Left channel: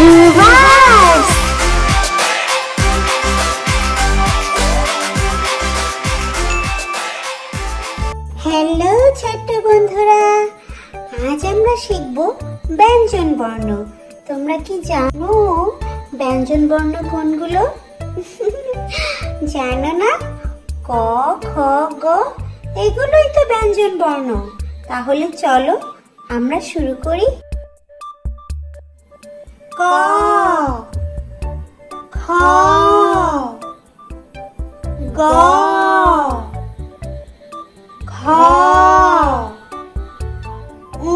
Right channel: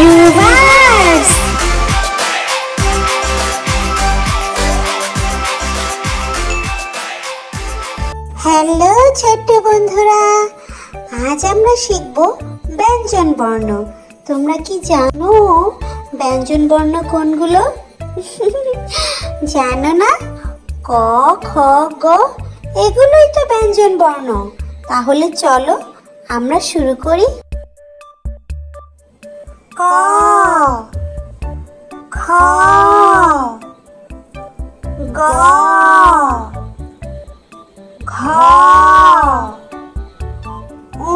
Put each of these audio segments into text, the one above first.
Reverse. Hello ছোট্ট বন্ধুরা, আজ আমরা শিখব ব্যঞ্জন বর্ণ। তোমরা কি জানো ব্যঞ্জন বর্ণ কোনগুলো? জানো না? ক, খ, গ এগুলোই তো ব্যঞ্জন বর্ণ। তাহলে চলো আমরা শুরু করি। ক, খ, গ, ঘ, ঙ,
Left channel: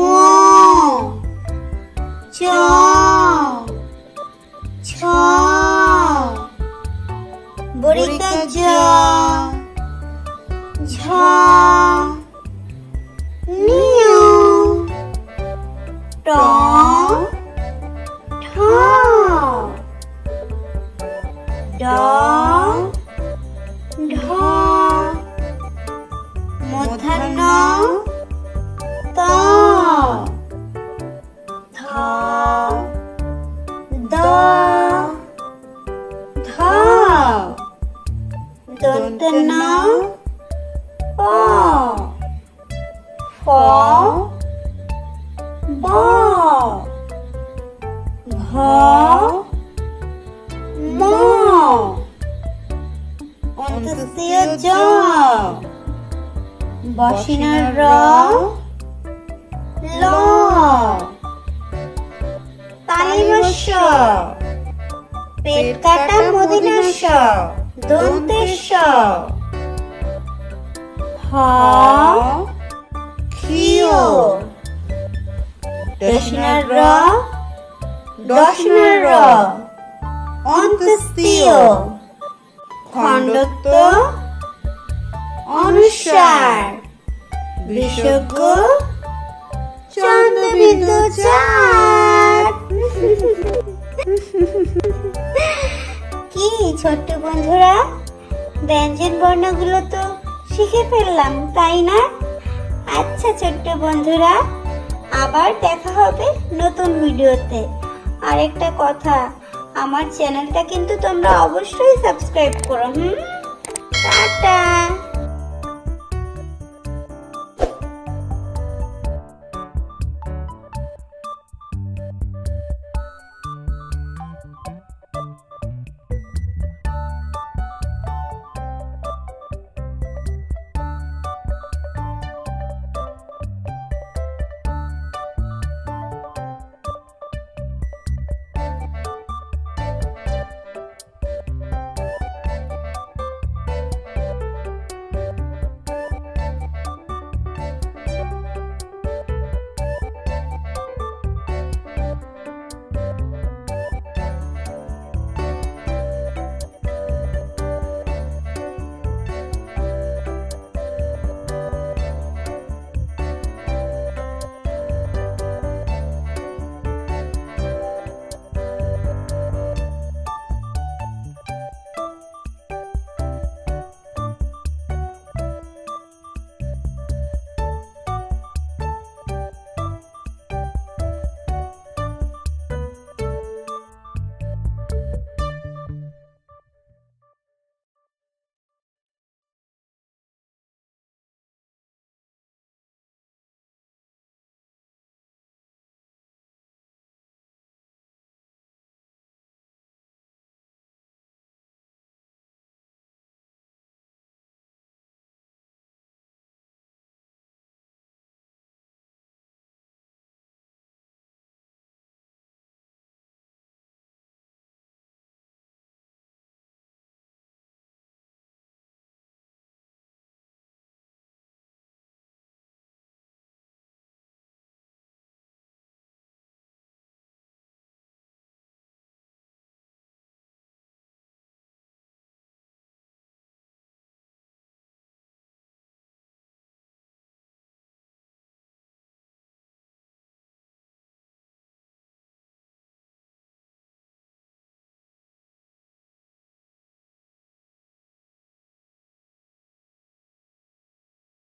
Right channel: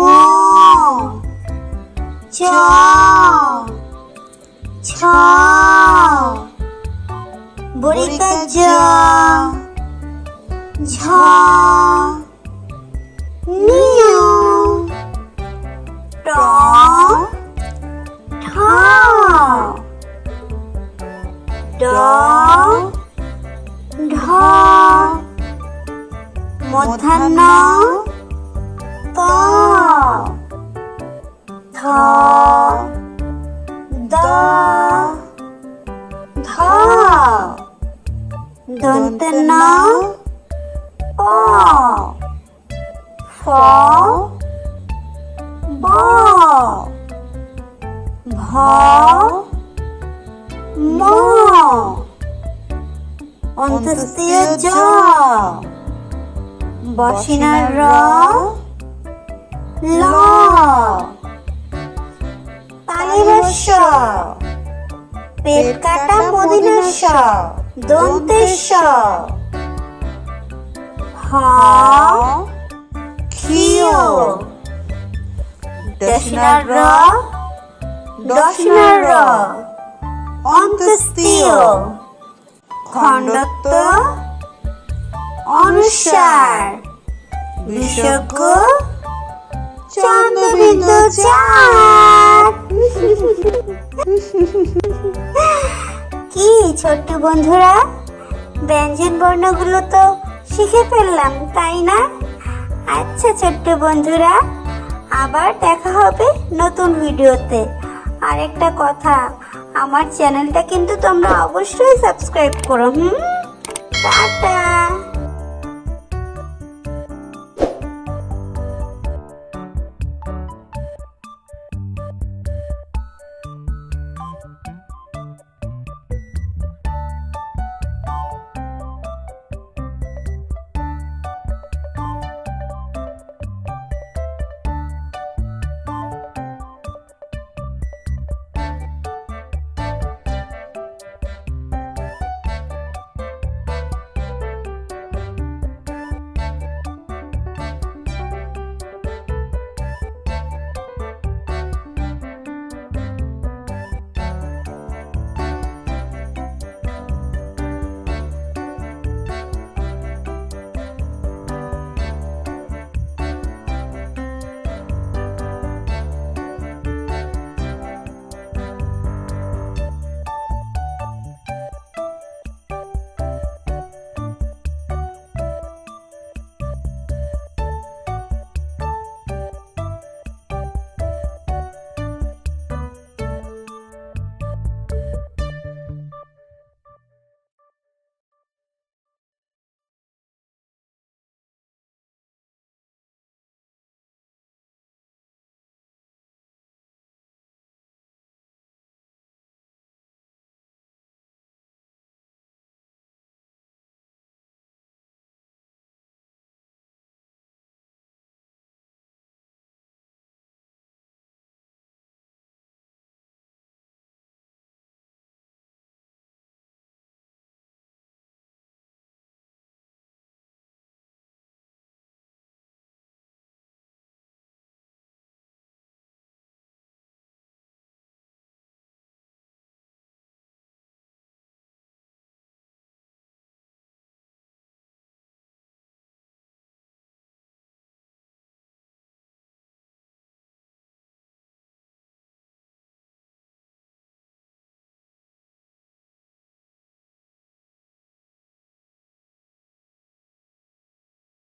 চ, ছ, বড়িকা জ, ঝ, নিয়, ট, ঠ, ড, ঢ, মূর্ধন্য ত, থ, দ, ধ, দন্তন্য প, ফ, ব, ভ, ম, অন্তস্থায়ী জ, বসিনার র, ল, তালিবস্য, পেট কাটা মদিনাস্য, দন্তেস্য, হ, ক্ষীয়, দশিনার র, দশিনার র, অন্তস্থায়ী, খণ্ডত্ব, অনুসার, বিসর্গ, চন্দ্রবিন্দু চাঁদ। কি ছোট্ট বন্ধুরা, ব্যঞ্জন বর্ণগুলো তো শিখে ফেললাম, তাই না? আচ্ছা ছোট্ট বন্ধুরা, আবার দেখা হবে নতুন ভিডিওতে। আরেকটা কথা, আমার চ্যানেলটা কিন্তু তোমরা অবশ্যই সাবস্ক্রাইব করো। টাটা।